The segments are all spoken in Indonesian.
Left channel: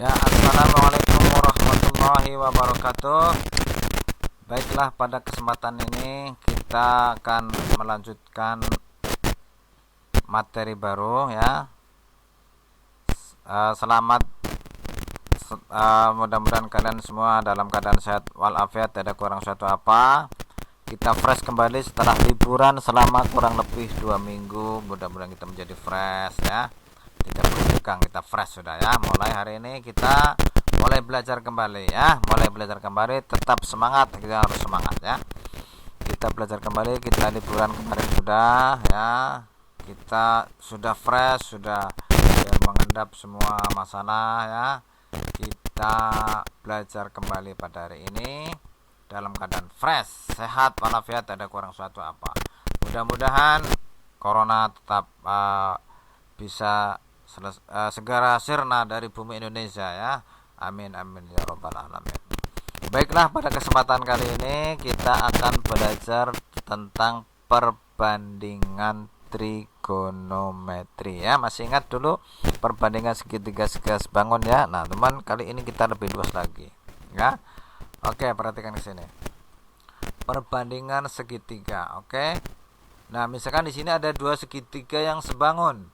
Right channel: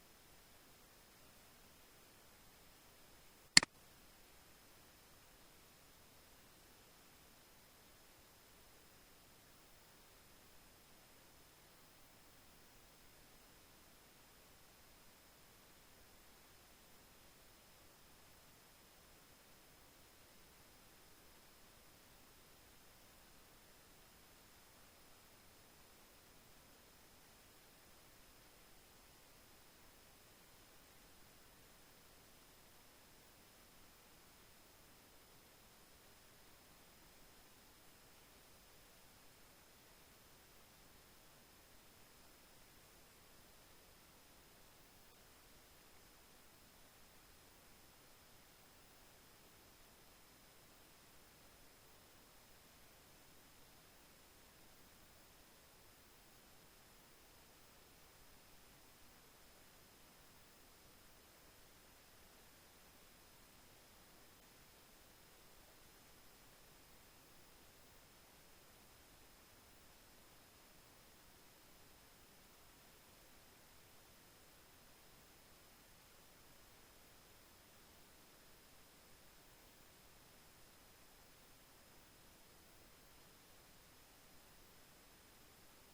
Ya, assalamualaikum warahmatullahi wabarakatuh. Baiklah, pada kesempatan ini kita akan melanjutkan materi baru ya. Selamat, mudah-mudahan kalian semua dalam keadaan sehat walafiat, tidak kurang suatu apa. Kita fresh kembali setelah liburan selama kurang lebih 2 minggu. Mudah-mudahan kita menjadi fresh ya, tidak bertegang, kita fresh sudah ya. Mulai hari ini kita mulai belajar kembali ya, tetap semangat, kita harus semangat ya. Kita belajar kembali, kita liburan kemarin sudah ya, kita sudah fresh, sudah mengendap semua masalah ya. Kita belajar kembali pada hari ini dalam keadaan fresh, sehat walafiat, tidak kurang suatu apa. Mudah-mudahan corona tetap bisa segera sirna dari bumi Indonesia ya. Amin amin ya robbal alamin. Baiklah, pada kesempatan kali ini kita akan belajar tentang perbandingan trigonometri ya. Masih ingat dulu perbandingan segitiga segaris bangun ya. Nah teman, kali ini kita lebih luas lagi ya. Oke, perhatikan di sini perbandingan segitiga. Oke, nah misalkan di sini ada dua segitiga yang sebangun,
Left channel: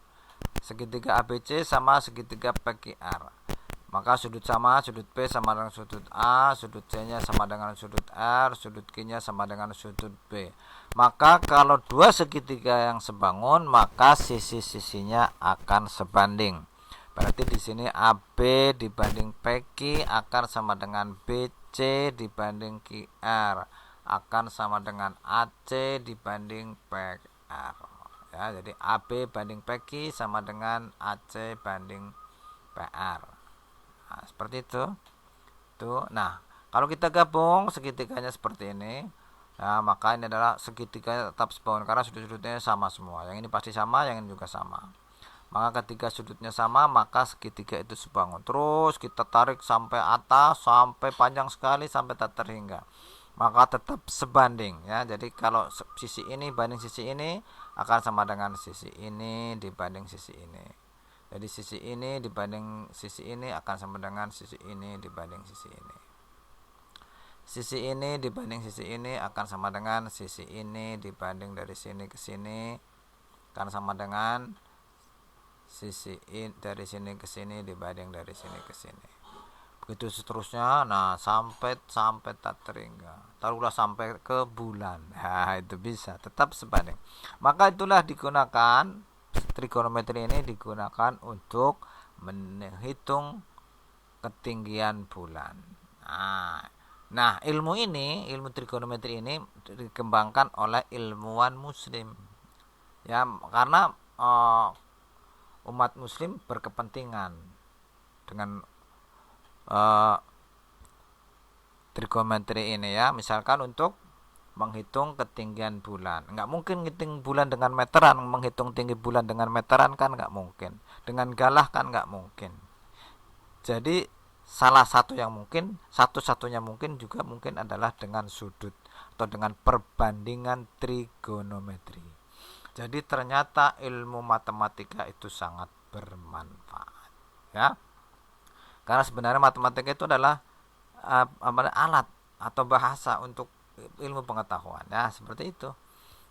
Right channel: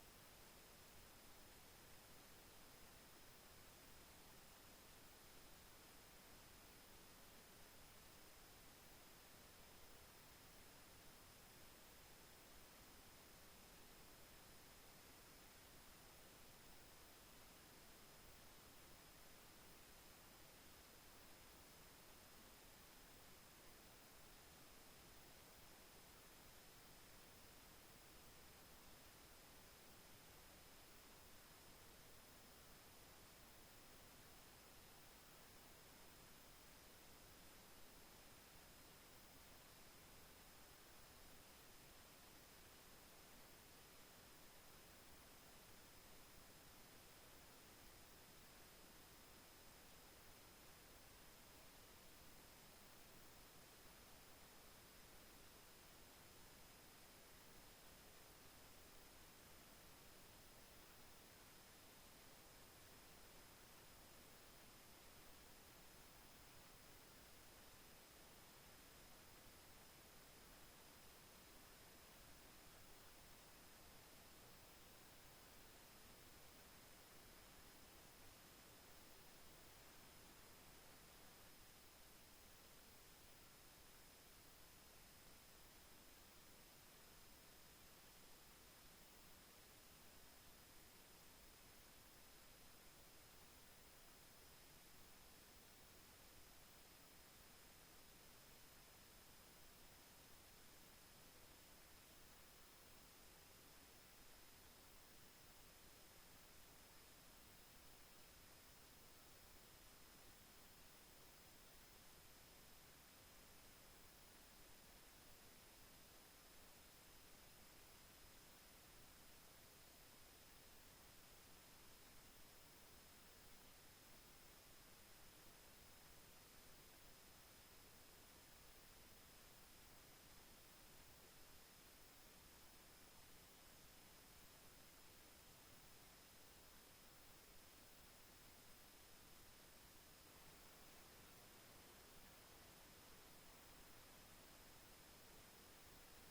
segitiga ABC sama segitiga PQR. Maka sudut sudut P sama dengan sudut A, sudut C nya sama dengan sudut R, sudut Q nya sama dengan sudut B. Maka kalau dua segitiga yang sebangun, maka sisi-sisinya akan sebanding. Berarti di sini AB dibanding PQ akan sama dengan BC dibanding QR, akan sama dengan AC dibanding PR. Ya, jadi AB banding PQ sama dengan AC banding PR. Nah, seperti itu. Tuh. Nah, kalau kita gabung segitiganya seperti ini, nah, maka ini adalah segitiga tetap sebangun karena sudut-sudutnya sama semua. Yang ini pasti sama, yang ini juga sama. Maka ketika sudutnya sama, maka segitiga itu sebangun. Terus kita tarik sampai atas, sampai panjang sekali, sampai tak terhingga. Maka tetap sebanding ya. Jadi kalau sisi ini banding sisi ini akan sama dengan sisi ini dibanding sisi ini. Jadi sisi ini dibanding sisi ini akan sama dengan sisi ini dibanding sisi ini. Sisi ini dibanding sisi ini akan sama dengan sisi ini dibanding dari sini ke sini akan sama dengan sisi ini dari sini ke sini dibanding dari sini ke sini. Begitu seterusnya. Nah, sampai tak terhingga. Taruhlah sampai ke bulan. Nah, itu bisa tetap sebanding. Maka itulah digunakan trigonometri ini digunakan untuk menghitung ketinggian bulan. Nah, ilmu trigonometri ini dikembangkan oleh ilmuwan muslim. Ya, karena umat muslim berkepentingan dengan trigonometri ini ya. Misalkan untuk menghitung ketinggian bulan, nggak mungkin ngitung bulan dengan meteran, menghitung tinggi bulan dengan meteran kan nggak mungkin, dengan galah kan nggak mungkin. Jadi salah satu yang mungkin, satu-satunya mungkin juga mungkin adalah dengan sudut atau dengan perbandingan trigonometri. Jadi ternyata ilmu matematika itu sangat bermanfaat ya. Karena sebenarnya matematika itu adalah alat atau bahasa untuk ilmu pengetahuan ya, seperti itu.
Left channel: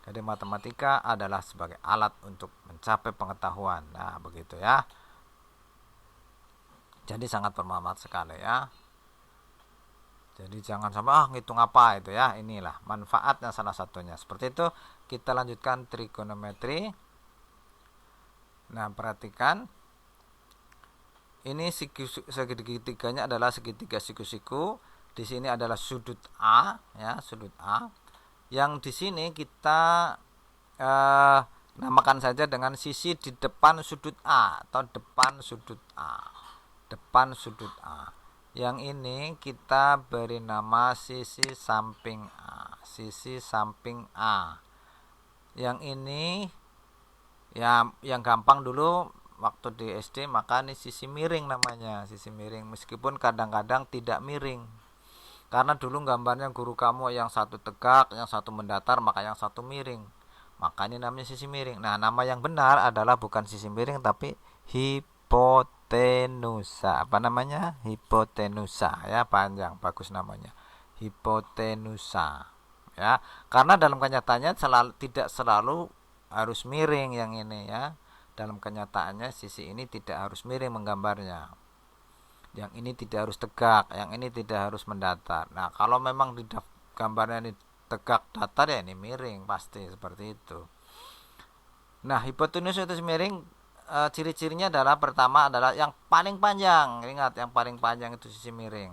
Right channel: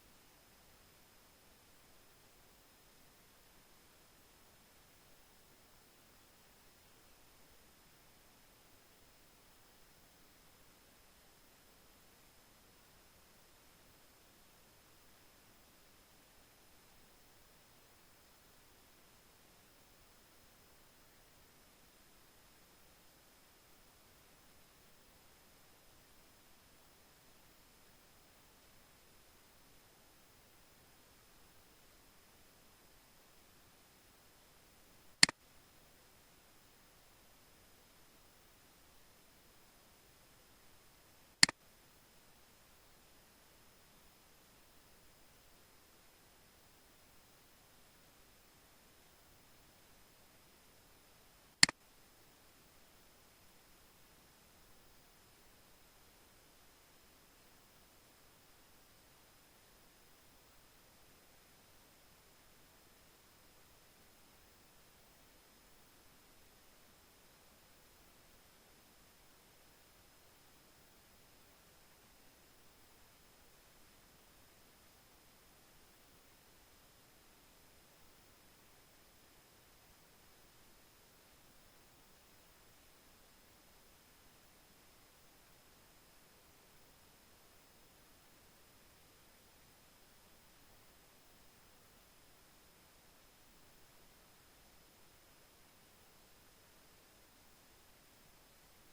Jadi matematika adalah sebagai alat untuk mencapai pengetahuan. Nah, begitu ya. Jadi sangat bermanfaat sekali ya. Jadi jangan sampai ngitung apa itu ya. Inilah manfaatnya salah satunya. Seperti itu. Kita lanjutkan trigonometri. Nah, perhatikan. Ini segitiganya adalah segitiga siku-siku. Di sini adalah sudut A ya, sudut A. Yang di sini kita namakan saja dengan sisi di depan sudut A atau depan sudut A. Depan sudut A. Yang ini kita beri nama sisi samping A. Sisi samping A. Yang ini ya, yang gampang dulu waktu di SD, maka ini sisi miring namanya, sisi miring, meskipun kadang-kadang tidak miring. Karena dulu gambarnya guru kamu yang satu tegak, yang satu mendatar, maka yang satu miring. Maka ini namanya sisi miring. Nah, nama yang benar adalah bukan sisi miring tapi hipotenusa. Apa namanya? Hipotenusa ya, panjang, bagus namanya. Hipotenusa. Ya, karena dalam kenyataannya tidak selalu harus miring yang ini ya. Dalam kenyataannya sisi ini tidak harus miring menggambarnya. Yang ini tidak harus tegak, yang ini tidak harus mendatar. Nah, kalau memang tidak gambarnya ini tegak datar ya ini miring pasti seperti itu. Nah, hipotenusa itu miring, ciri-cirinya adalah pertama adalah yang paling panjang. Ingat, yang paling panjang itu sisi miring.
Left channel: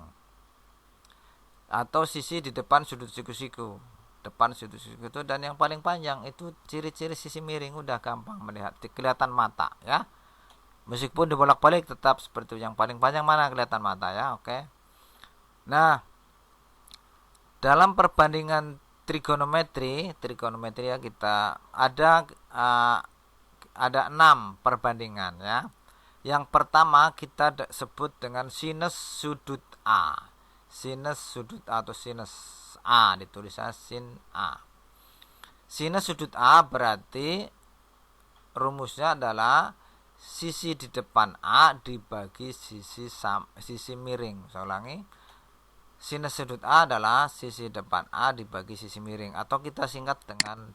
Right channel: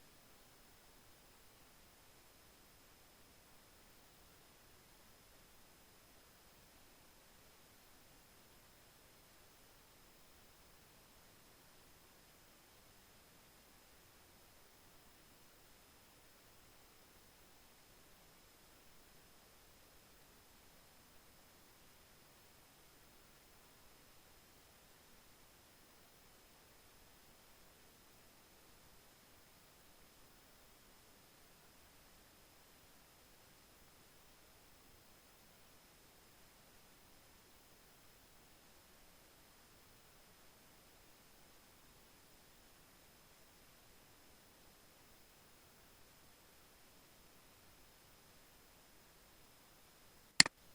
Atau sisi di depan sudut siku-siku. Depan sudut siku itu, dan yang paling panjang itu ciri-ciri sisi miring udah gampang melihat, kelihatan mata ya. Meskipun dibolak-balik tetap seperti itu. Yang paling panjang mana kelihatan mata ya, oke. Nah, dalam perbandingan trigonometri ya kita ada 6 perbandingan ya. Yang pertama kita sebut dengan sinus sudut A. Sinus sudut A atau sinus A, ditulisnya sin A. Sinus sudut A berarti rumusnya adalah sisi di depan A dibagi sisi miring. Saya ulangi. Sinus sudut A adalah sisi depan A dibagi sisi miring, atau kita singkat dengan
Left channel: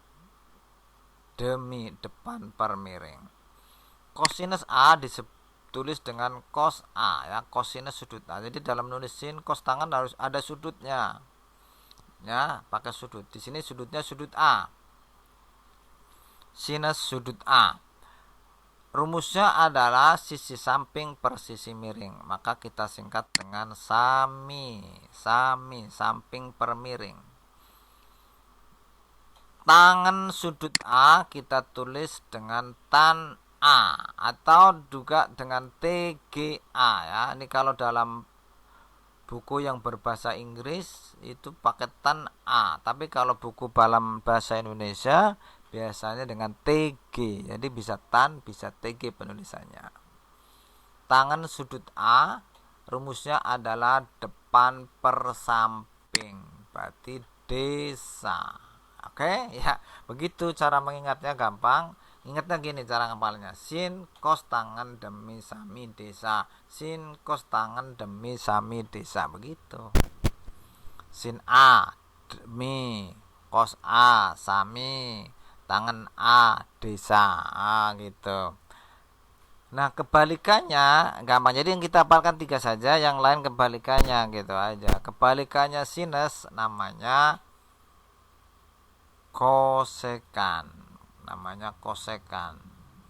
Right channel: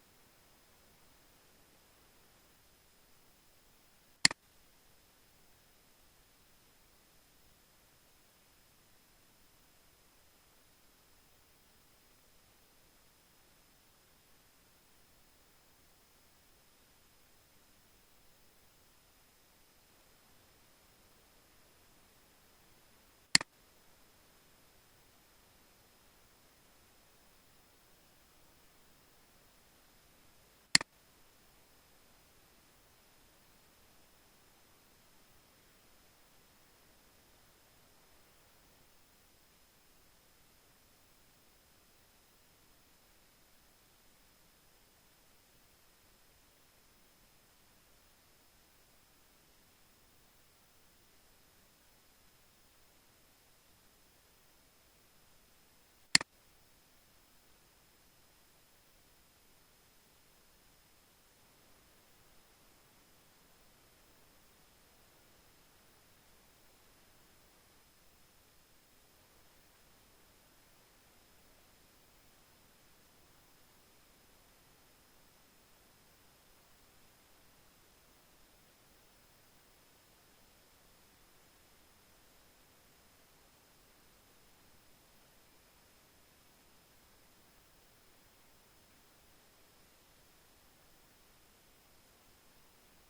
demi depan per miring. Kosinus A ditulis dengan cos A ya, kosinus sudut A. Jadi dalam nulis sin cos tangan harus ada sudutnya. Ya, pakai sudut. Di sini sudutnya sudut A. Sinus sudut A. Rumusnya adalah sisi samping per sisi miring. Maka kita singkat dengan sami, samping per miring. Tangan sudut A kita tulis dengan tan A atau juga dengan TGA ya. Ini kalau dalam buku yang berbahasa Inggris itu pakai tan A, tapi kalau buku dalam bahasa Indonesia biasanya dengan TG. Jadi bisa tan, bisa TG penulisannya. Tangan sudut A rumusnya adalah depan per samping, berarti desa. Oke ya, begitu cara mengingatnya, gampang. Ingatnya gini cara ngapalnya. Sin cos tangan demi sami desa. Sin cos tangan demi sami desa, begitu. Sin A demi cos A sami tangan A desa, gitu. Nah, kebalikannya gampang. Jadi yang kita hafalkan 3 saja, yang lain kebalikannya gitu aja. Kebalikannya sinus namanya kosekan. Namanya kosekan.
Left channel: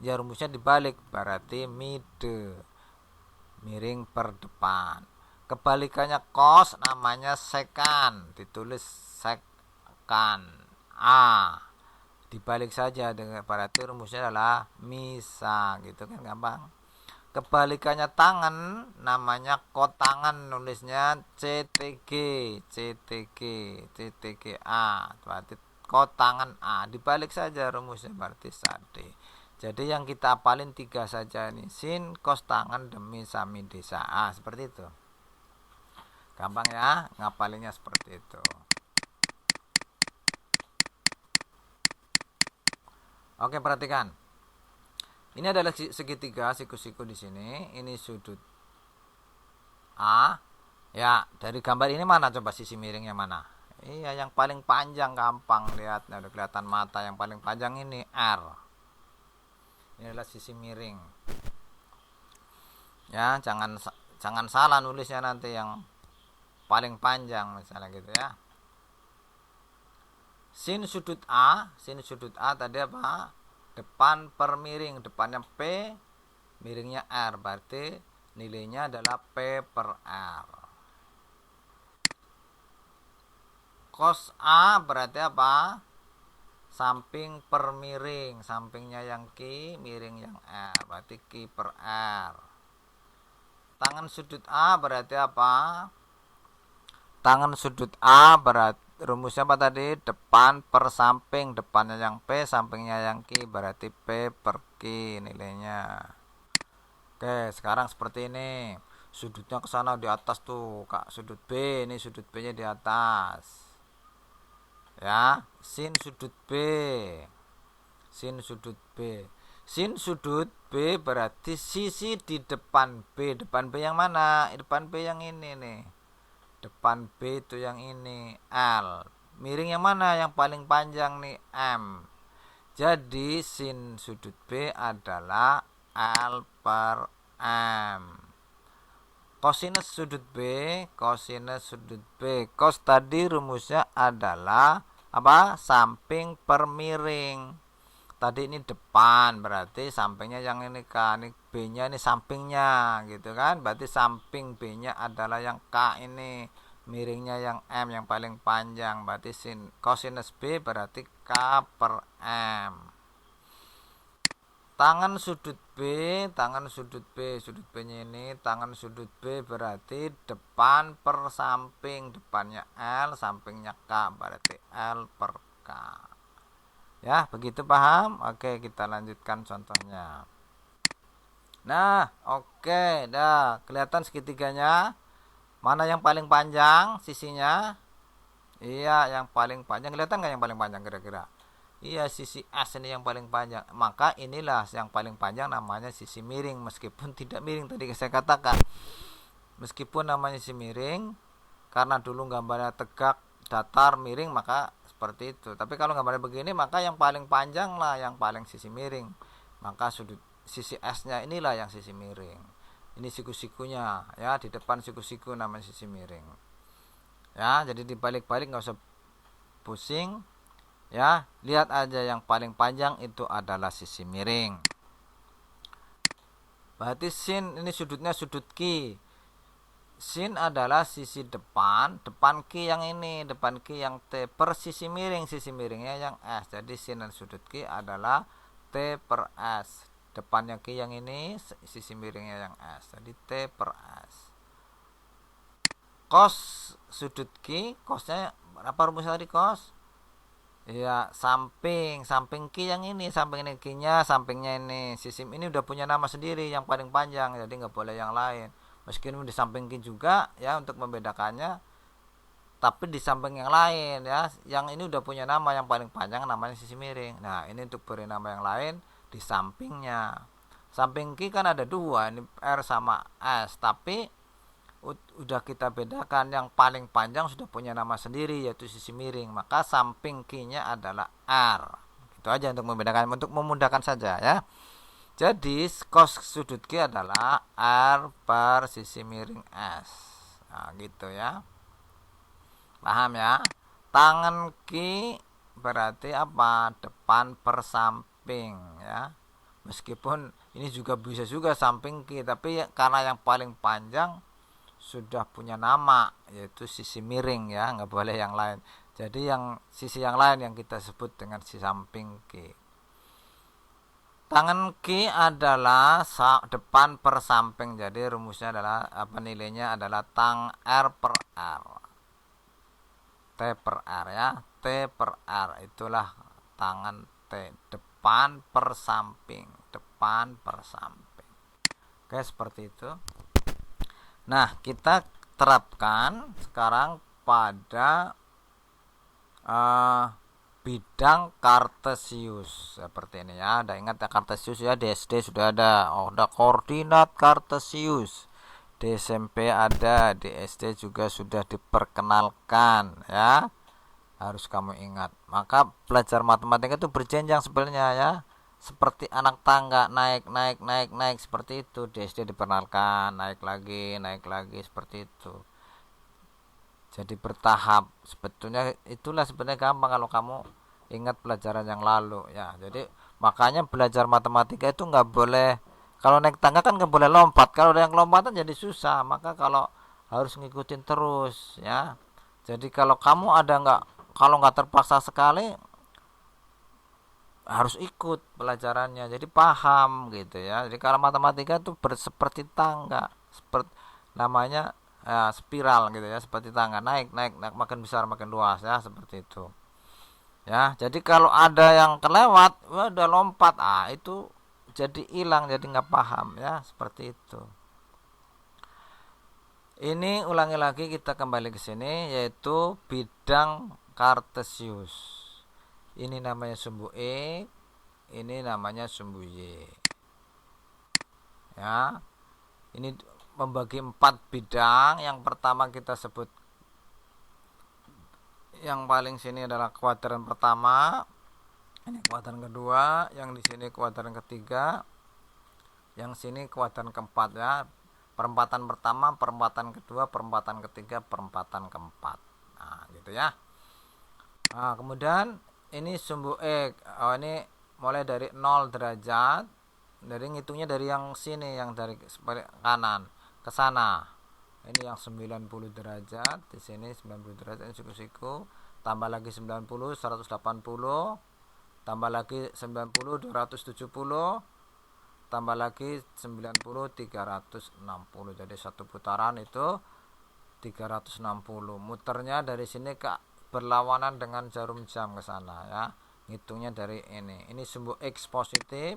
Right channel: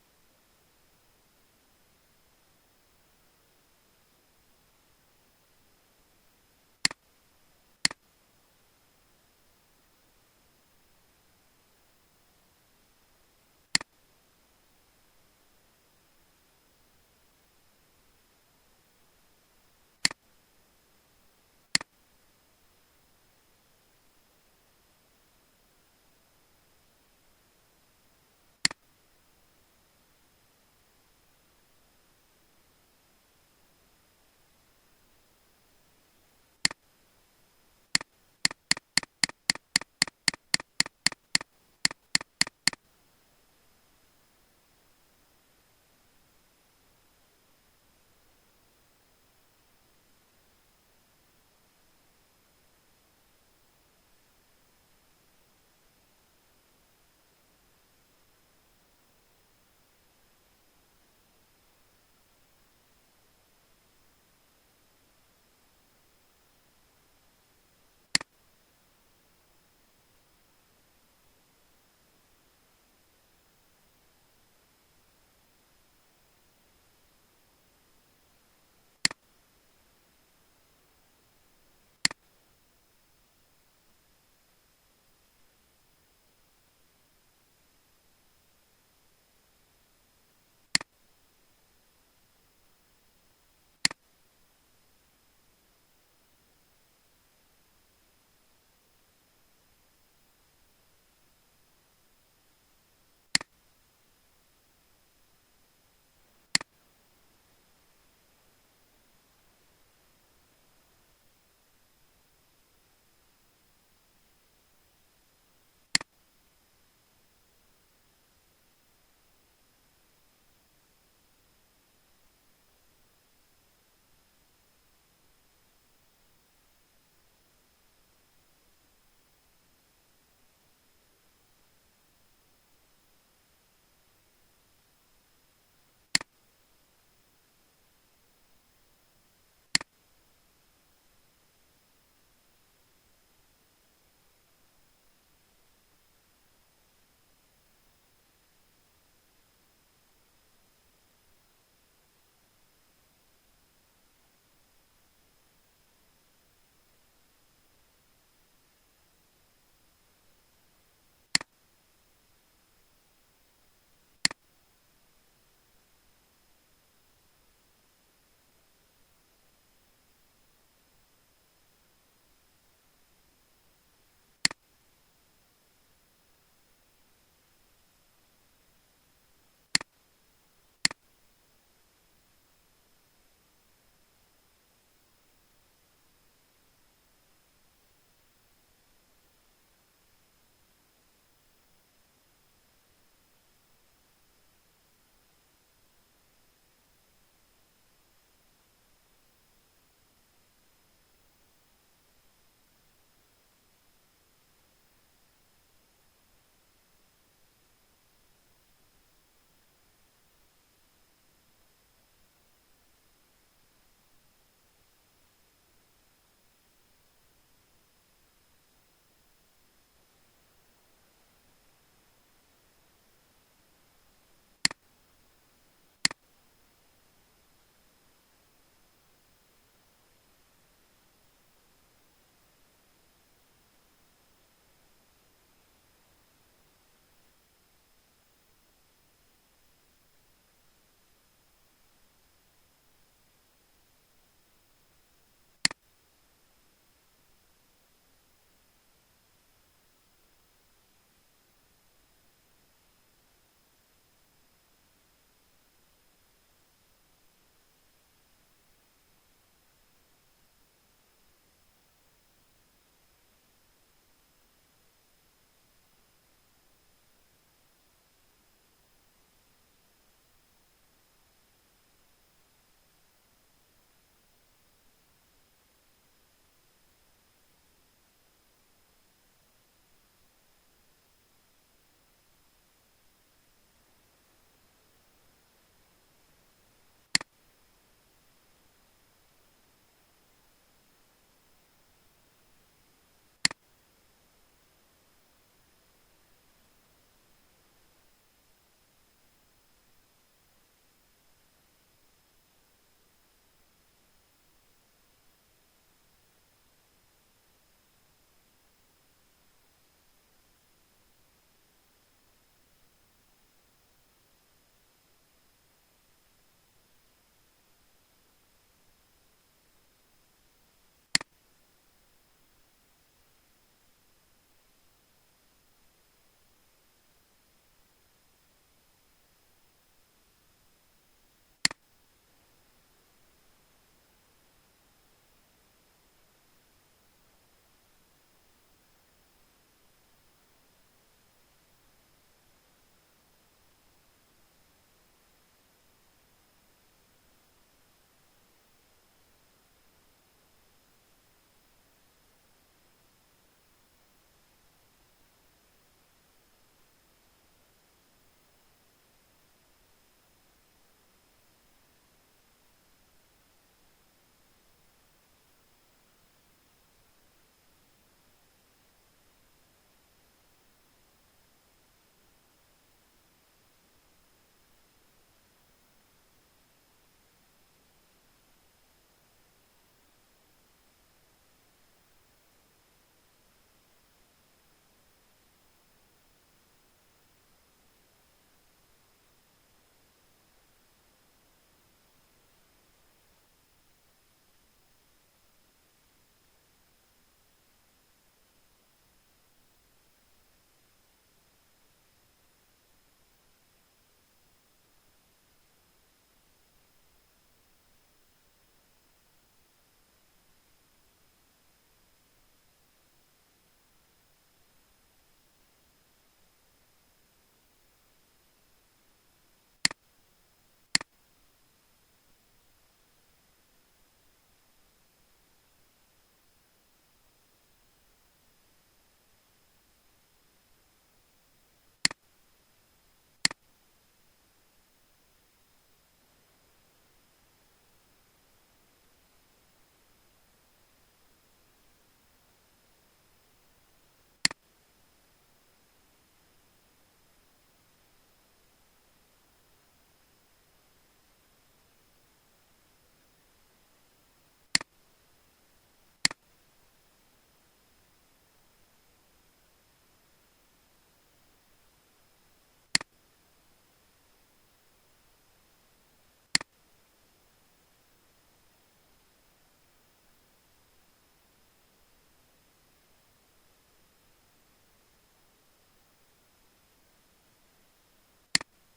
Ya rumusnya dibalik, berarti mide, miring per depan. Kebalikannya cos namanya sekan, ditulis sekan A. Dibalik saja, dengan berarti rumusnya adalah misa, gitu kan, gampang. Kebalikannya tangan namanya kotangan, nulisnya CTG A, berarti kotangan A. Dibalik saja rumusnya, berarti sade. Jadi yang kita apalin 3 saja nih, sin kos tangan demi sami desa A, seperti itu. Gampang ya ngapalinnya, seperti itu. Oke, perhatikan. Ini adalah segitiga, siku-siku di sini. Ini sudut A. Ya, dari gambar ini mana coba sisi miringnya mana? Iya, yang paling panjang, gampang lihat. Nah, udah kelihatan mata. Yang paling panjang ini R. Ini adalah sisi miring. Ya, jangan salah nulisnya nanti, yang paling panjang misalnya gitu ya. Sin sudut A tadi apa? Depan per miring, depannya P, miringnya R, berarti nilainya adalah P per R. Cos A berarti apa? Samping per miring, sampingnya yang Q, miring yang R, berarti Q per R. Tangan sudut A berarti apa? Tangan sudut A berarti rumusnya apa tadi? Depan per samping, depannya yang P, sampingnya yang Q, berarti P per Q nilainya. Oke, sekarang seperti ini. Sudutnya ke sana di atas tuh, Kak. Sudut B, ini sudut B-nya di atas. Ya, sin sudut B. Sin sudut B. Sin sudut B berarti sisi di depan B. Depan B yang mana? Depan B yang ini nih. Depan B itu yang ini, L. Miring yang mana? Yang paling panjang nih, M. Jadi sin sudut B adalah L per M. Kosinus sudut B, kosinus sudut B. Kos tadi rumusnya adalah apa? Samping per miring. Tadi ini depan, berarti sampingnya yang ini K, ini B-nya ini sampingnya gitu kan. Berarti samping B-nya adalah yang K ini, miringnya yang M yang paling panjang. Berarti sin kosinus B berarti K per M. Tangan sudut B, sudut B-nya ini, tangan sudut B berarti depan per samping, depannya L, sampingnya K, berarti L per K. Ya, begitu paham? Oke, kita lanjutkan contohnya. Nah, oke, dah kelihatan segitiganya. Mana yang paling panjang sisinya? Iya, yang paling panjang. Kelihatan nggak yang paling panjang kira-kira? Iya, sisi S ini yang paling panjang. Maka inilah yang paling panjang, namanya sisi miring. Meskipun tidak miring tadi saya katakan. Meskipun namanya sisi miring, karena dulu gambarnya tegak, datar, miring, maka seperti itu. Tapi kalau gambarnya begini, maka yang paling panjang lah yang paling sisi miring. Maka sudut sisi S-nya inilah yang sisi miring. Ini siku-sikunya ya, di depan siku-siku namanya sisi miring. Ya, jadi dibalik-balik nggak usah pusing. Ya, lihat aja yang paling panjang itu adalah sisi miring. Berarti sin ini sudutnya sudut Q. Sin adalah sisi depan Q yang ini, depan Q yang T per sisi miringnya yang S. Jadi sin dan sudut Q adalah T per S. Depannya Q yang ini, sisi miringnya yang S. Jadi T per S. Cos sudut Q, cosnya apa rumusnya tadi cos? Ya, samping Q yang ini, samping ini Q-nya, sampingnya ini. Sisi ini udah punya nama sendiri yang paling panjang, jadi nggak boleh yang lain. Meskipun di samping Q juga ya untuk membedakannya, tapi di samping yang lain ya, yang ini udah punya nama yang paling panjang namanya sisi miring. Nah, ini untuk beri nama yang lain di sampingnya. Samping Q kan ada dua, ini R sama S, tapi udah kita bedakan yang paling panjang sudah punya nama sendiri yaitu sisi miring, maka samping Q-nya adalah R. Itu aja untuk membedakan, untuk memudahkan saja ya. Jadi cos sudut Q adalah R per sisi miring S. Nah, gitu ya. Paham ya? Tangan Q berarti apa? Depan per samping ya. Meskipun ini juga bisa juga samping Q, tapi karena yang paling panjang sudah punya nama yaitu sisi miring ya, nggak boleh yang lain. Jadi yang sisi yang lain yang kita sebut dengan sisi samping Q. Tangan Q adalah depan per samping. Jadi rumusnya adalah apa, nilainya adalah tang R per R. T per R ya. T per R itulah tangan T, depan per samping, depan per samping. Oke, seperti itu. Nah, kita terapkan sekarang pada bidang kartesius seperti ini ya. Ada ingat ya kartesius ya, di SD sudah ada. Oh, ada koordinat kartesius. Di SMP ada, di SD juga sudah diperkenalkan ya. Harus kamu ingat. Maka belajar matematika itu berjenjang sebenarnya ya. Seperti anak tangga, naik seperti itu. Di SD diperkenalkan, naik lagi seperti itu. Jadi bertahap. Sebetulnya itulah sebenarnya gampang kalau kamu ingat pelajaran yang lalu ya. Jadi makanya belajar matematika itu nggak boleh, kalau naik tangga kan nggak boleh lompat. Kalau ada yang lompatan jadi susah. Maka kalau harus ngikutin terus ya. Jadi kalau kamu kalau nggak terpaksa sekali, harus ikut pelajarannya, jadi paham gitu ya. Jadi kalau matematika itu seperti tangga, seperti namanya ya, spiral gitu ya, seperti tangga, naik makin besar makin luas ya, seperti itu ya. Jadi kalau ada yang kelewat udah lompat, itu jadi hilang, jadi nggak paham ya, seperti itu. Ini ulangi lagi, kita kembali ke sini, yaitu bidang kartesius. Ini namanya sumbu X, ini namanya sumbu Y. Ya, ini membagi 4 bidang. Yang pertama kita sebut, yang paling sini adalah kuadran pertama, ini kuadran kedua, yang di sini kuadran ketiga, yang sini kuadran keempat ya. Perempatan pertama, perempatan kedua, perempatan ketiga, perempatan keempat. Nah, gitu ya. Nah, kemudian ini sumbu X. Oh, ini mulai dari 0 derajat. Dari ngitungnya dari yang sini, yang dari kanan ke sana. Ini yang 90 derajat, di sini 90 derajat, ini siku-siku. Tambah lagi 90, 180. Tambah lagi 90, 270. Tambah lagi 90, 360. Jadi satu putaran itu 360. Muternya dari sini ke berlawanan dengan jarum jam ke sana ya. Ngitungnya dari ini. Ini sumbu X positif.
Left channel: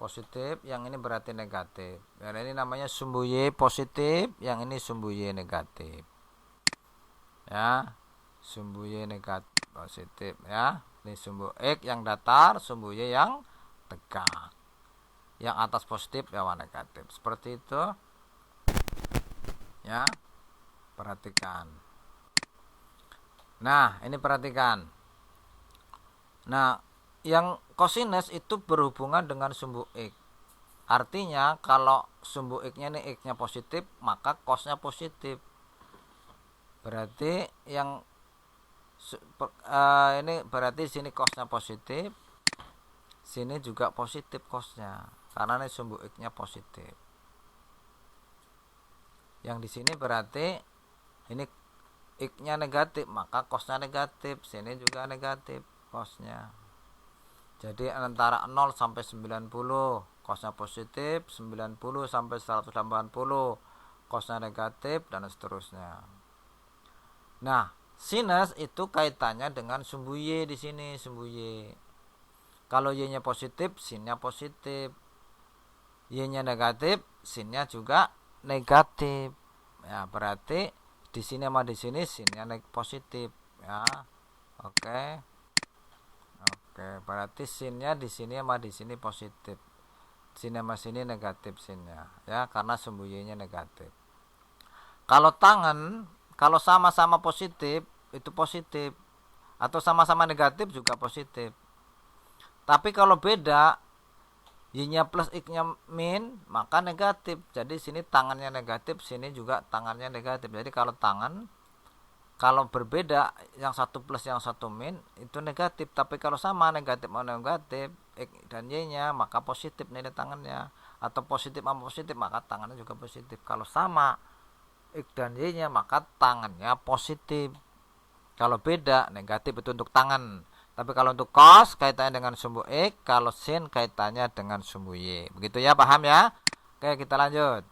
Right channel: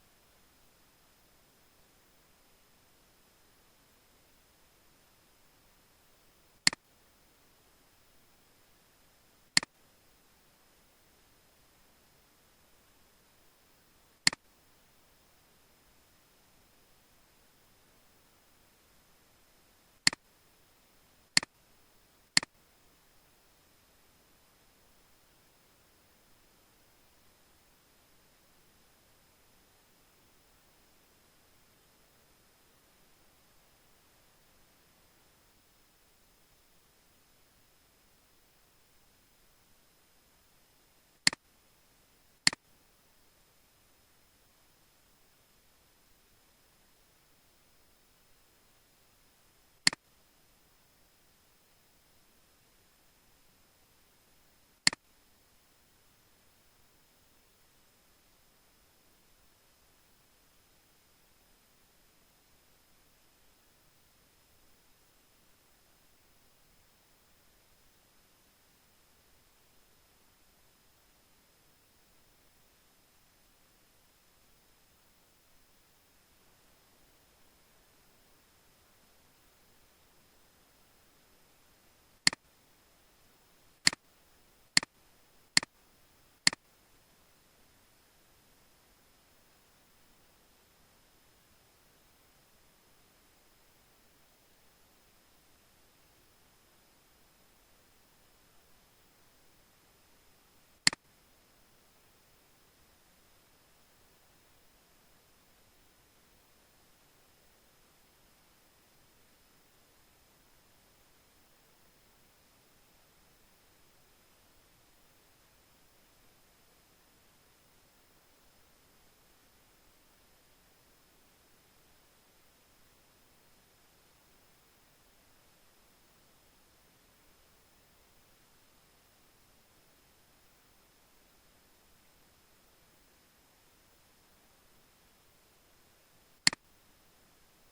Positif, yang ini berarti negatif. Dan ini namanya sumbu Y positif, yang ini sumbu Y negatif. Ya. Sumbu Y negatif positif ya. Ini sumbu X yang datar, sumbu Y yang tegak. Yang atas positif, bawah negatif. Seperti itu. Ya. Perhatikan. Nah, ini perhatikan. Nah, yang kosinus itu berhubungan dengan sumbu X. Artinya kalau sumbu X-nya ini X-nya positif, maka cos-nya positif. Berarti yang ini berarti sini cos-nya positif, sini juga positif cos-nya, karena ini sumbu X-nya positif. Yang di sini berarti ini X-nya negatif, maka cos-nya negatif, sini juga negatif cos-nya. Jadi antara 0 sampai 90 cos-nya positif, 90 sampai 180 cos-nya negatif, dan seterusnya. Nah, sinus itu kaitannya dengan sumbu Y di sini, sumbu Y. Kalau Y-nya positif, sin-nya positif. Y-nya negatif, sin-nya juga negatif. Ya, berarti di sini sama di sini sin-nya positif ya. Oke. Oke, berarti sin-nya di sini sama di sini positif. Sin sama sini negatif sin-nya ya, karena sumbu Y-nya negatif. Kalau tangan, kalau sama-sama positif itu positif, atau sama-sama negatif juga positif. Tapi kalau beda, Y-nya plus X-nya min, maka negatif. Jadi sini tangannya negatif, sini juga tangannya negatif. Jadi kalau tangan, kalau berbeda, yang satu plus yang satu min, itu negatif. Tapi kalau sama, negatif sama negatif, X dan Y-nya, maka positif nilai tangannya. Atau positif sama positif, maka tangannya juga positif. Kalau sama X dan Y-nya, maka tangannya positif. Kalau beda, negatif itu untuk tangan. Tapi kalau untuk cos kaitannya dengan sumbu X, kalau sin kaitannya dengan sumbu Y. Begitu ya, paham ya? Oke, kita lanjut.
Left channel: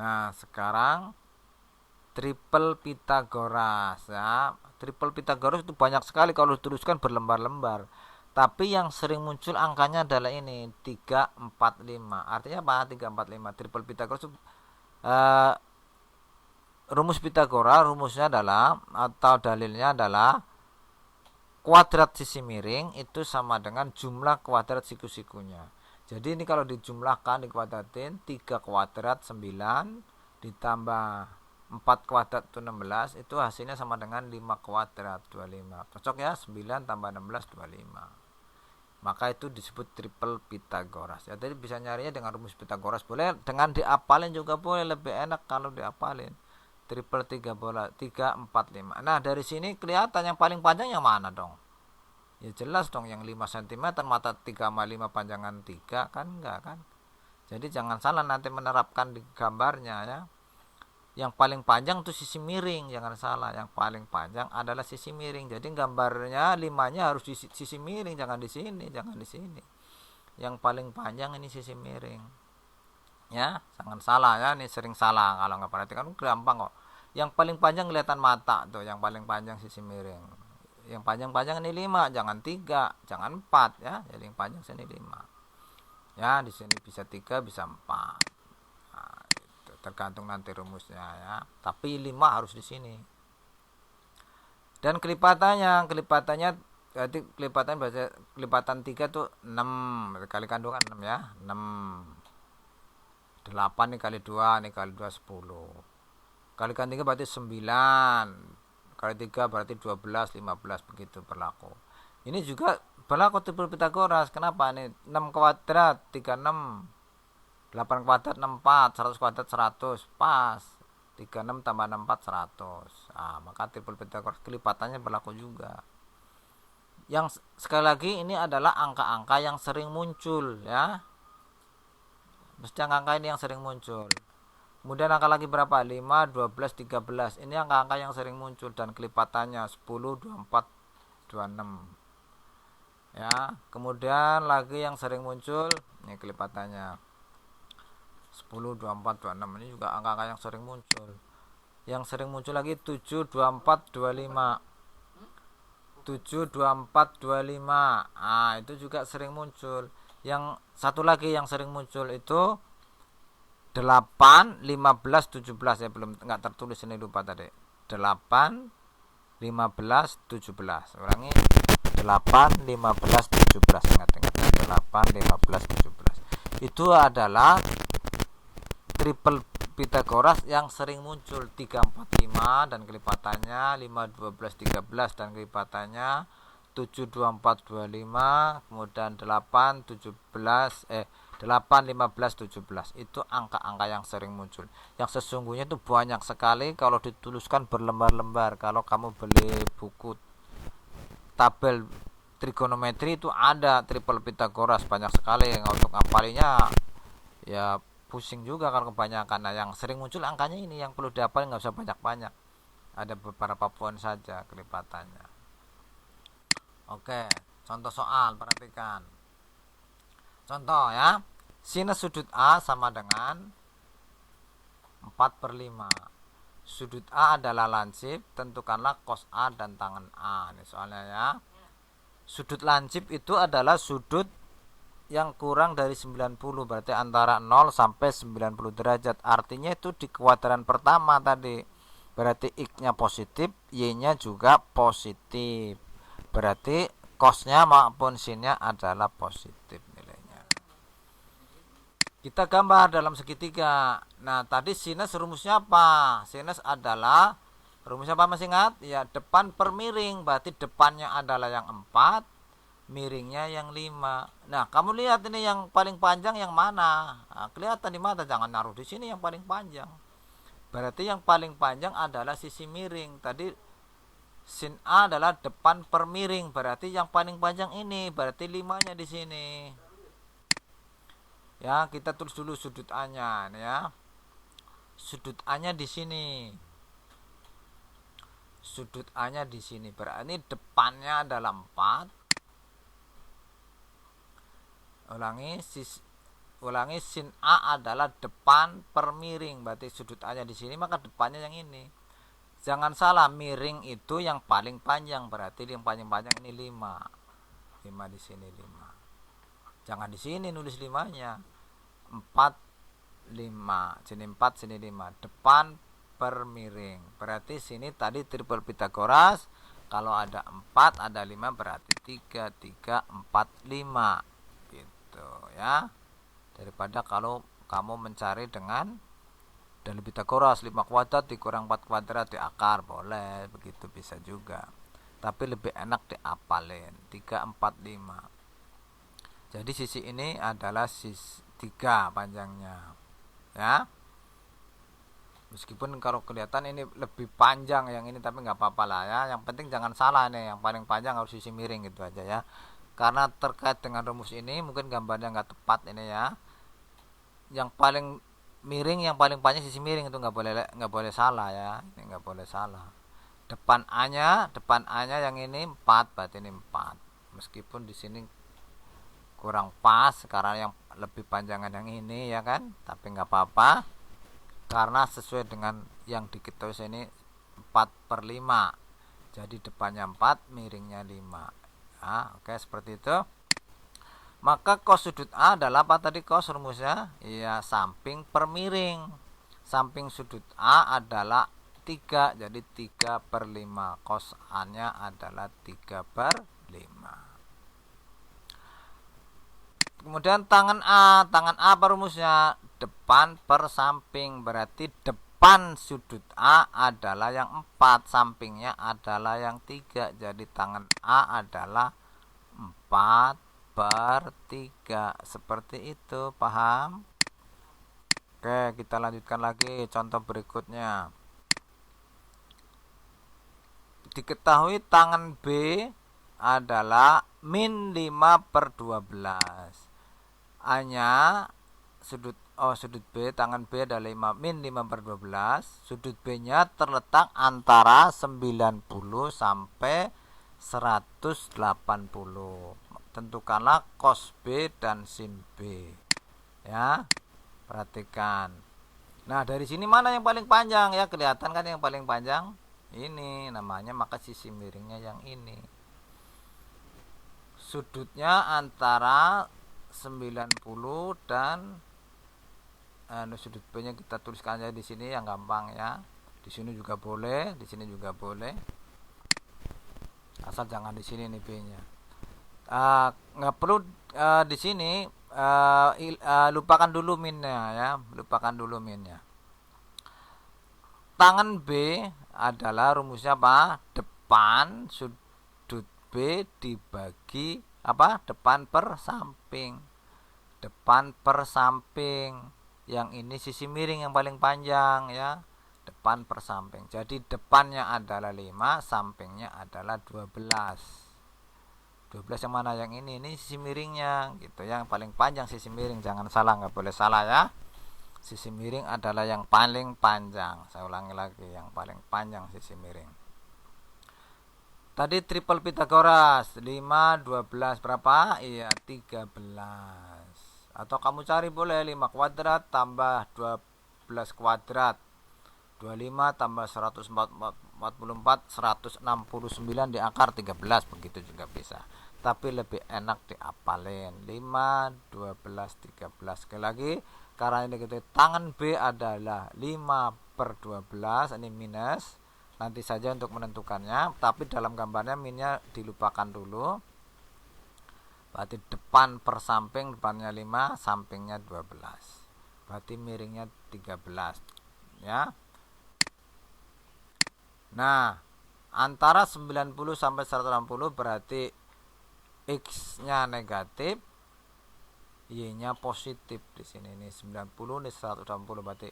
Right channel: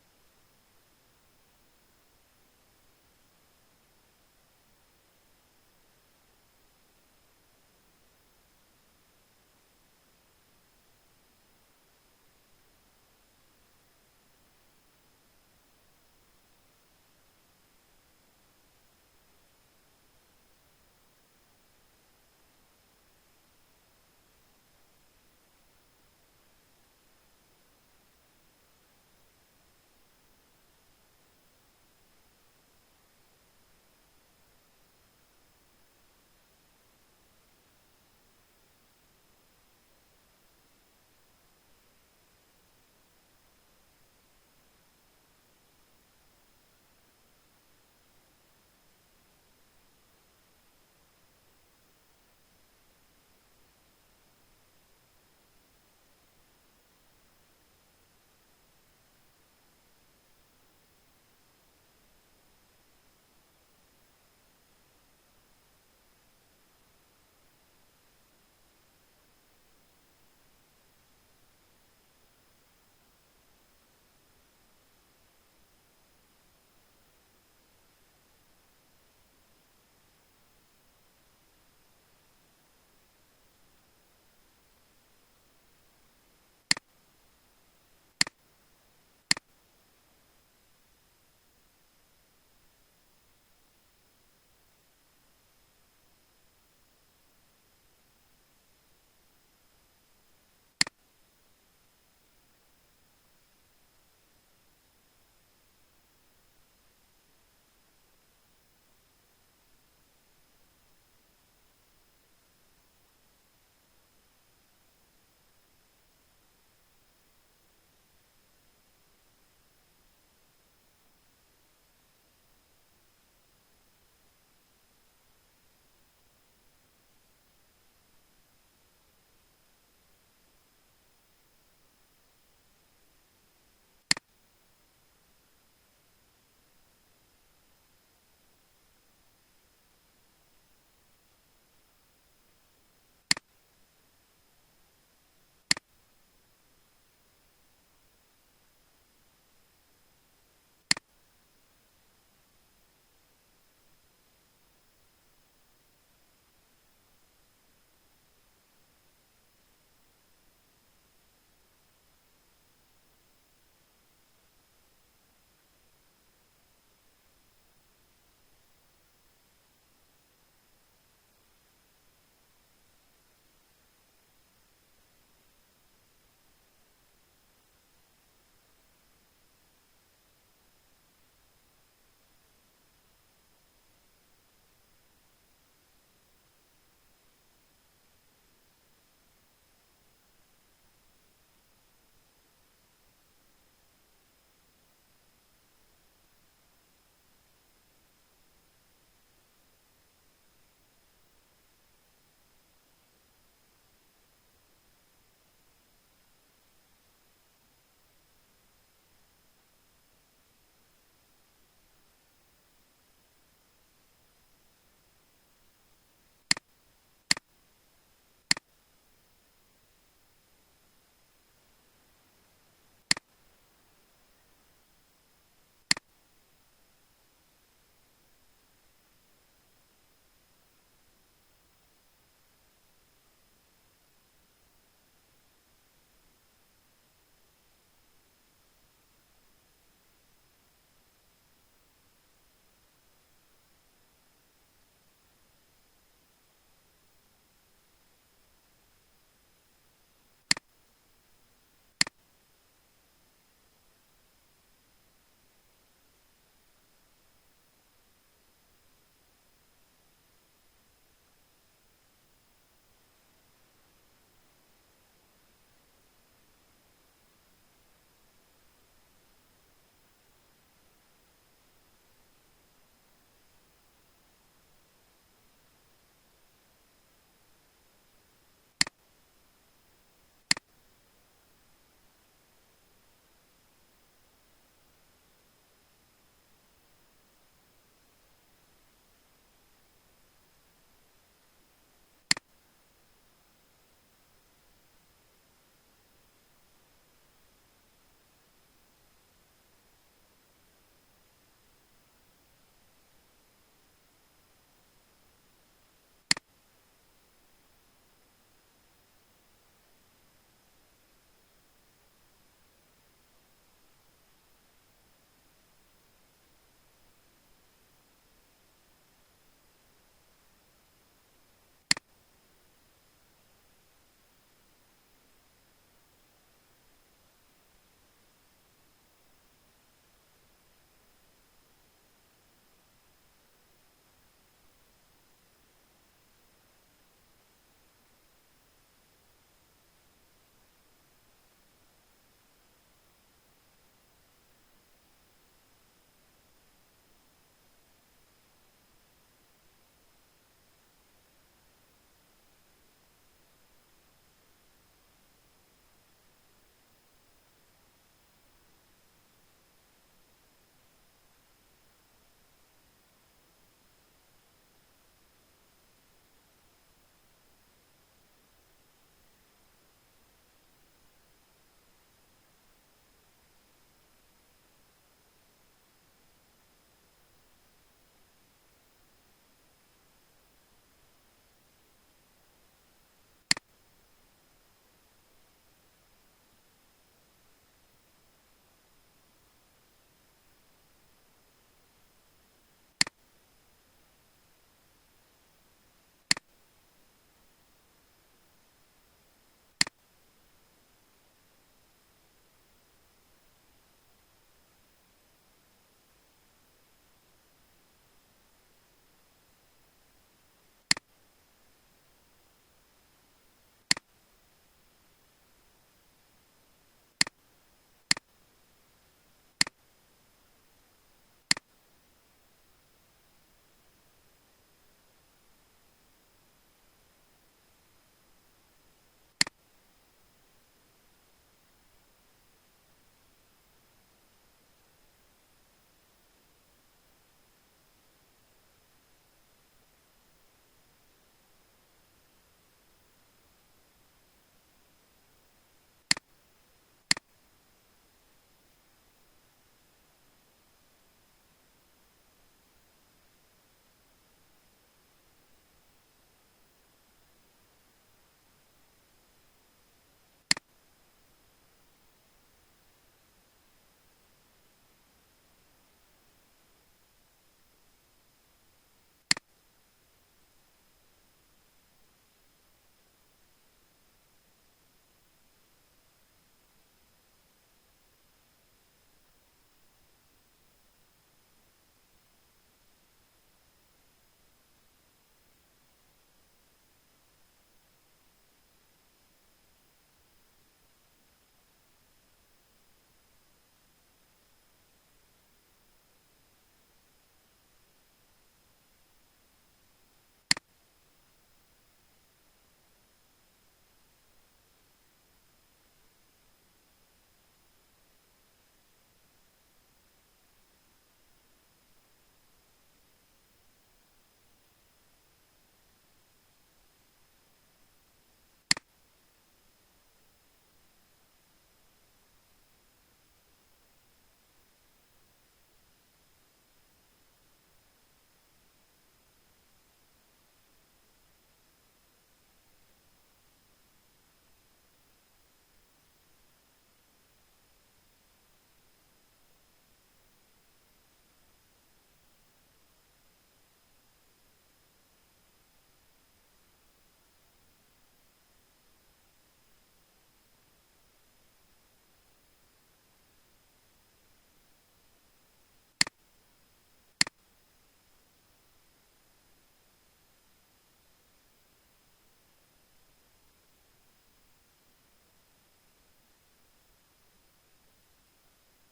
Nah, sekarang triple Pitagoras ya. Triple Pitagoras itu banyak sekali kalau diteruskan berlembar-lembar. Tapi yang sering muncul angkanya adalah ini 345. Artinya apa? 345. Triple Pitagoras itu rumus Pitagoras, rumusnya adalah atau dalilnya adalah kuadrat sisi miring itu sama dengan jumlah kuadrat siku-sikunya. Jadi ini kalau dijumlahkan, dikuadratin, 3 kuadrat 9 ditambah 4 kuadrat itu 16, itu hasilnya sama dengan 5 kuadrat 25. Cocok ya, 9 tambah 16 25. Maka itu disebut triple Pitagoras. Ya, jadi bisa nyarinya dengan rumus Pitagoras boleh, dengan diapalin juga boleh, lebih enak kalau diapalin. Triple 3 bola 3 4 5. Nah, dari sini kelihatan yang paling panjang yang mana dong? Ya jelas dong, yang 5 cm mata 3,5 panjangan 3 kan, enggak kan? Jadi jangan salah nanti menerapkan di gambarnya ya. Yang paling panjang itu sisi miring, jangan salah. Yang paling panjang adalah sisi miring. Jadi gambarnya 5-nya harus di sisi miring, jangan di sini, jangan di sini. Yang paling panjang ini sisi miring. Ya, jangan salah ya, ini sering salah kalau nggak perhatikan, gampang kok. Yang paling panjang kelihatan mata tuh, yang paling panjang sisi miring. Yang panjang-panjang ini 5, jangan 3, jangan 4 ya. Jadi yang panjang sini 5. Ya, di sini bisa 3, bisa 4. Nah, itu tergantung nanti rumusnya ya. Tapi 5 harus di sini. Dan kelipatannya berarti kelipatan 3 tuh 6 kali kandungan 6 ya, 6. 8 nih kali 2, nih kali 2 10. Kalikan 3 berarti 9. Kali 3 berarti 12, 15 begitu berlaku. Ini juga berlaku triple Pitagoras. Kenapa nih? 6 kuadrat 36, 8 kuadrat 64, 100 kuadrat 100, pas. 36 tambah 64 100. Maka triple Pitagoras kelipatannya berlaku juga. Yang sekali lagi ini adalah angka-angka yang sering muncul ya. Mesti angka-angka ini yang sering muncul. Kemudian angka lagi berapa? 5, 12, 13. Ini angka-angka yang sering muncul dan kelipatannya 10, 24, 26. Ya, kemudian lagi yang sering muncul, ini kelipatannya 10, 24, 26. Ini juga angka-angka yang sering muncul. Yang sering muncul lagi 7, 24, 25. 7, 24, 25. Itu juga sering muncul. Yang satu lagi yang sering muncul itu 8, 15, 17 ya, belum nggak tertulis ini, lupa tadi. 8, 15, 17. Ulangi. 8, 15, 17. Ingat-ingat. 8, 15, 17. Itu adalah triple Pitagoras yang sering muncul 3, 4, 5 dan kelipatannya 5, 12, 13 dan kelipatannya 7, 24, 25, kemudian 8, 17, 8, 15, 17. Itu angka-angka yang sering muncul. Yang sesungguhnya itu banyak sekali kalau dituliskan berlembar-lembar. Kalau kamu beli buku tabel trigonometri itu ada triple Pitagoras banyak sekali. Untuk ngapalinya ya pusing juga kalau kebanyakan. Nah, yang sering muncul angkanya ini yang perlu dihafal, nggak usah banyak-banyak. Ada beberapa poin saja kelipatannya. Oke, contoh soal, perhatikan. Contoh ya, sinus sudut A sama dengan 4/5. Sudut A adalah lancip, tentukanlah cos A dan tangen A. Ini soalnya ya. Sudut lancip itu adalah sudut yang kurang dari 90, berarti antara 0 sampai 90 derajat. Artinya itu di kuadran pertama tadi. Berarti X-nya positif, Y-nya juga positif. Berarti cos-nya maupun sin-nya adalah positif nilainya. Kita gambar dalam segitiga. Nah, tadi sinus rumusnya apa? Sinus adalah rumusnya apa, masih ingat? Ya, depan per miring. Berarti depannya adalah yang 4, miringnya yang 5. Nah, kamu lihat ini yang paling panjang yang mana? Kelihatan di mata, jangan naruh di sini yang paling panjang. Berarti yang paling panjang adalah sisi miring. Tadi sin A adalah depan per miring, berarti yang paling panjang ini, berarti 5-nya di sini. Ya, kita tulis dulu sudut A-nya ya. Sudut A-nya di sini. Sudut A-nya di sini. Berarti depannya adalah 4. Ulangi, sin A adalah depan per miring, berarti sudut A-nya di sini, maka depannya yang ini. Jangan salah, miring itu yang paling panjang, berarti yang paling panjang ini 5. 5 di sini 5. Jangan di sini nulis 5-nya. 4, 5. Sini 4, sini 5. Depan per miring. Berarti sini tadi triple Pitagoras, kalau ada 4, ada 5, berarti 3, 3, 4, 5. Ya, daripada kalau kamu mencari dengan dari Pitagoras 5 kuadrat dikurang 4 kuadrat di akar, boleh begitu, bisa juga, tapi lebih enak diapalin 3, 4, 5. Jadi sisi ini adalah sisi 3 panjangnya ya, meskipun kalau kelihatan ini lebih panjang yang ini, tapi nggak apa-apa lah ya, yang penting jangan salah nih, yang paling panjang harus sisi miring gitu aja ya. Karena terkait dengan rumus ini mungkin gambarnya nggak tepat ini ya. Yang paling miring, yang paling panjang sisi miring, itu nggak boleh salah ya. Ini nggak boleh salah. Depan A-nya yang ini 4, berarti ini 4. Meskipun di sini kurang pas karena yang lebih panjangan yang ini ya kan. Tapi nggak apa-apa. Karena sesuai dengan yang diketahui ini 4/5. Jadi depannya 4, miringnya 5. Oke, seperti itu. Maka cos sudut A adalah apa tadi cos rumusnya? Iya, samping per miring. Samping sudut A adalah 3, jadi 3/5. Cos A-nya adalah 3/5. Kemudian tangan A apa rumusnya? Depan per samping, berarti depan sudut A adalah yang 4, sampingnya adalah yang 3, jadi tangan A adalah 4/3. Seperti itu, paham? Oke, kita lanjutkan lagi contoh berikutnya. Diketahui tangan B adalah min 5/12. A-nya sudut B, tangan B adalah min 5/12. Sudut B-nya terletak antara 90 sampai 180. Tentukanlah cos B dan sin B. Ya, perhatikan. Nah, dari sini mana yang paling panjang? Ya, kelihatan kan yang paling panjang? Ini namanya, maka sisi miringnya yang ini. Sudutnya antara 90 dan sudut B-nya kita tuliskan aja di sini yang gampang ya. Di sini juga boleh, di sini juga boleh. Asal jangan di sini nih B-nya. Nggak perlu di sini, lupakan dulu minnya ya, lupakan dulu minnya. Tangan B adalah rumusnya apa? Depan sudut B dibagi apa? Depan per samping. Depan per samping. Yang ini sisi miring yang paling panjang ya. Depan per samping. Jadi depannya adalah 5, sampingnya adalah 12. 12 yang mana? Yang ini sisi miringnya gitu. Yang paling panjang sisi miring, jangan salah, nggak boleh salah ya. Sisi miring adalah yang paling panjang. Saya ulangi lagi, yang paling panjang sisi miring. Tadi triple Pitagoras, 5, 12 berapa? Iya, 13. Atau kamu cari boleh 5 kuadrat tambah 12 kuadrat. 25 tambah 144, 169 di akar 13, begitu juga bisa. Tapi lebih enak diapalin. 5, 12, 13. Sekali lagi, karena ini gitu, tangan B adalah 5/12, ini minus. Nanti saja untuk menentukannya, tapi dalam gambarnya minnya dilupakan dulu. Berarti depan per samping, depannya 5, sampingnya 12. Berarti miringnya 13 ya. Nah, antara 90 sampai 160 berarti X-nya negatif, Y-nya positif. Di sini ini 90, ini 160, berarti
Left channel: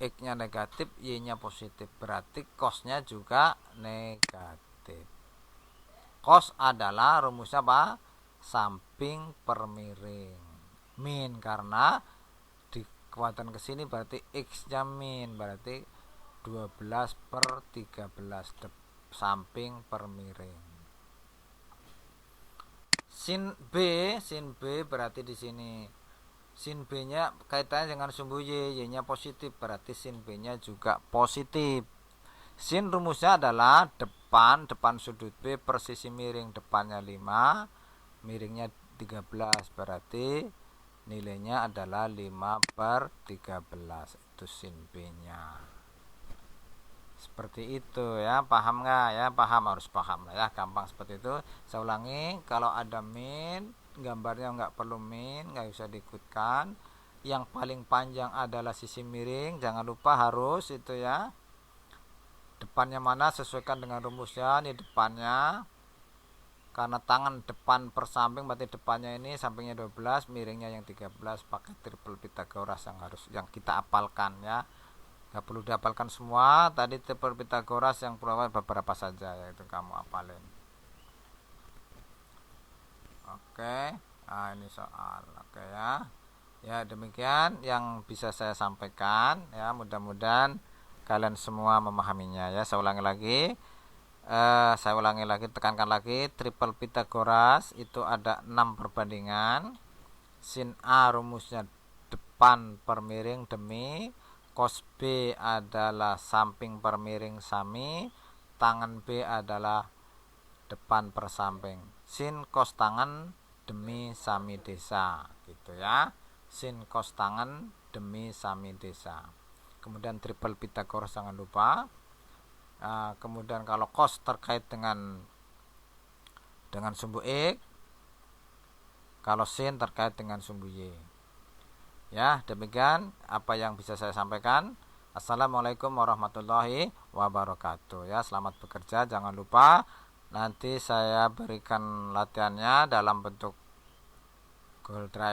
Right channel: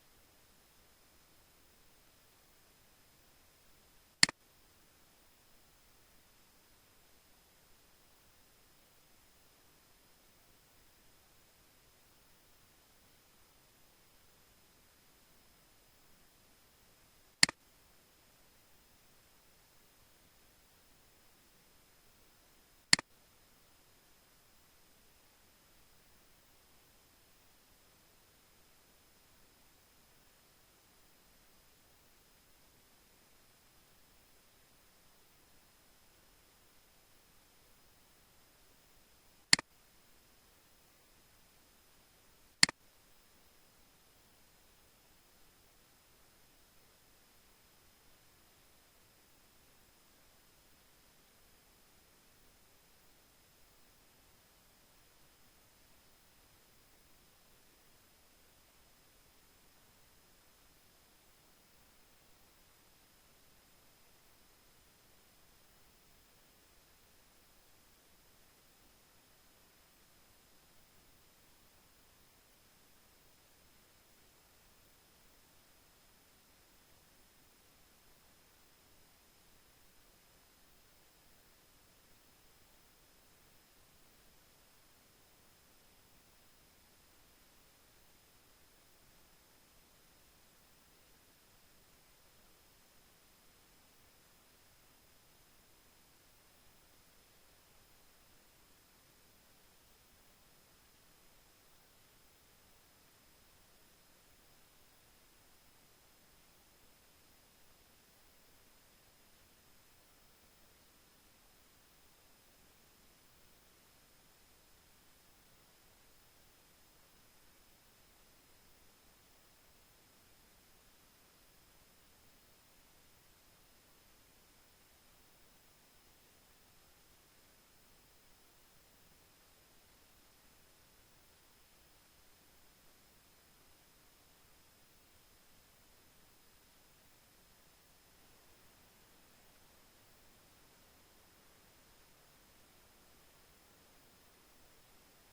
X-nya negatif, Y-nya positif. Berarti cos-nya juga negatif. Cos adalah rumusnya apa? Samping per miring. Min karena dikuatkan ke sini berarti X-nya min, berarti 12/13 samping per miring. Sin B berarti di sini sin B-nya kaitannya dengan sumbu Y, Y-nya positif, berarti sin B-nya juga positif. Sin rumusnya adalah depan sudut B per sisi miring, depannya 5, miringnya 13, berarti nilainya adalah 5/13. Itu sin B-nya. Seperti itu ya, paham nggak ya? Paham, harus paham lah ya, gampang seperti itu. Saya ulangi, kalau ada min, gambarnya nggak perlu min, nggak usah diikutkan. Yang paling panjang adalah sisi miring, jangan lupa harus itu ya. Depannya mana sesuaikan dengan rumusnya, ini depannya. Karena tangan depan per samping, berarti depannya ini sampingnya 12, miringnya yang 13, pakai triple Pitagoras yang kita apalkan ya. Gak perlu dihafalkan semua. Tadi triple Pitagoras yang perlu beberapa saja, yaitu kamu apalin. Oke, nah ini soal. Oke ya. Ya, demikian yang bisa saya sampaikan ya, mudah-mudahan kalian semua memahaminya ya. Saya ulangi lagi, tekankan lagi, triple Pitagoras itu ada 6 perbandingan. Sin A rumusnya depan per miring demi, cos B adalah samping per miring sami, tangan B adalah depan per samping. Sin cos tangan demi sami desa gitu ya. Sin cos tangan demi sami desa. kemudian triple Pythagoras jangan lupa. Kemudian kalau cos terkait dengan sumbu X, kalau sin terkait dengan sumbu Y. Ya, demikian apa yang bisa saya sampaikan. Assalamualaikum warahmatullahi wabarakatuh. Ya, selamat bekerja. Jangan lupa nanti saya berikan latihannya dalam bentuk Google Drive.